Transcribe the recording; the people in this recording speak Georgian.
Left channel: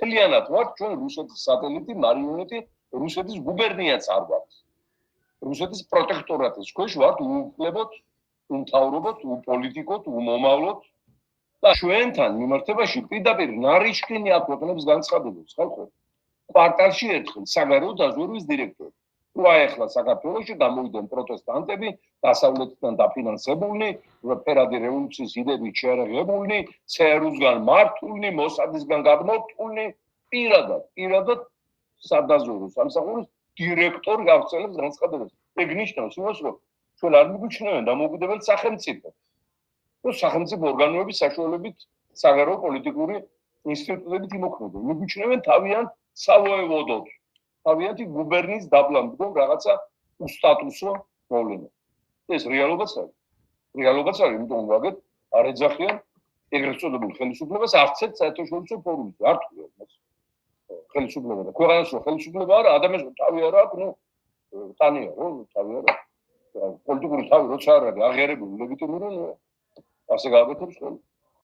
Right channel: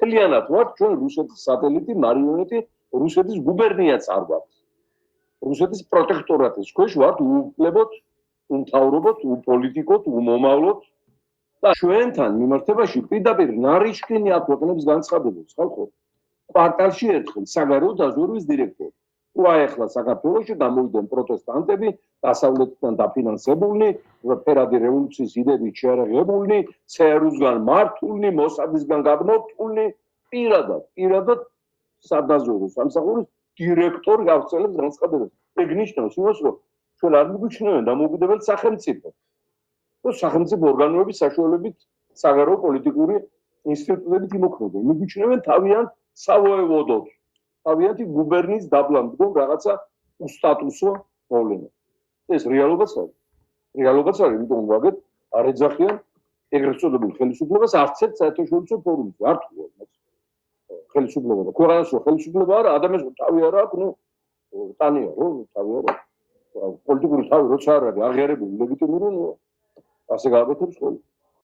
მთლიანად ვართ ჩვენ რუსეთის სატელიტი, მარიონეტი, რუსეთის გუბერნიაც არ ვართ. რუსეთის პროტექტორატის ქვეშ ვართ, უუფლებოდ, უმთავრობოდ, უპოლიტიკოდ, უმომავლოდ და ჩვენთან მიმართებაში პირდაპირ ნარიშკინი აქვეყნებს განცხადებებს, ხალხო. კვარტალში ერთხელ საგარეო დაზვერვის დირექტორი. თუ ახლა საქართველოში გამოვიდნენ პროტესტანტები, დასავლეთიდან დაფინანსებულნი, ფერადი რევოლუციის იდეებით შეერაღებულნი, ЦРУ-სგან მართულნი, მოსადისგან გადმოწვულნი, პირადად სადაზვერვო სამსახურის დირექტორი გავცელებს განცხადებას. ეგ ნიშნავს იმას, რომ ჩვენ არ მიგუჩნევენ დამოუკიდებელ სახელმწიფოს. სახელმწიფო ორგანოების საშუალებით საგარეო პოლიტიკური ინსტიტუტებით იმოქმედებენ. მიგუჩნევენ თავიანთ სავოევოდოთ, თავიანთი გუბერნიის დაბლანდგომ რაღაცა სტატუსო პრობლემა. ეს რეალობაც არის. იმიტომ ვაგეთ არ ეძახიან ეგრეთ წოდებულ ხელისუფლებას არც ერთ საერთაშორისო ფორუმზე. არ თქვია მას. ხელისუფლება და ქვეყანაში ხელისუფლება არა, ადამიანს თავი არა აქვს, ტანია, თავი არა. პოლიტიკური თავი როცა არ არის აღიარებული, ლეგიტიმური, ასე გააკეთებს ხოლმე.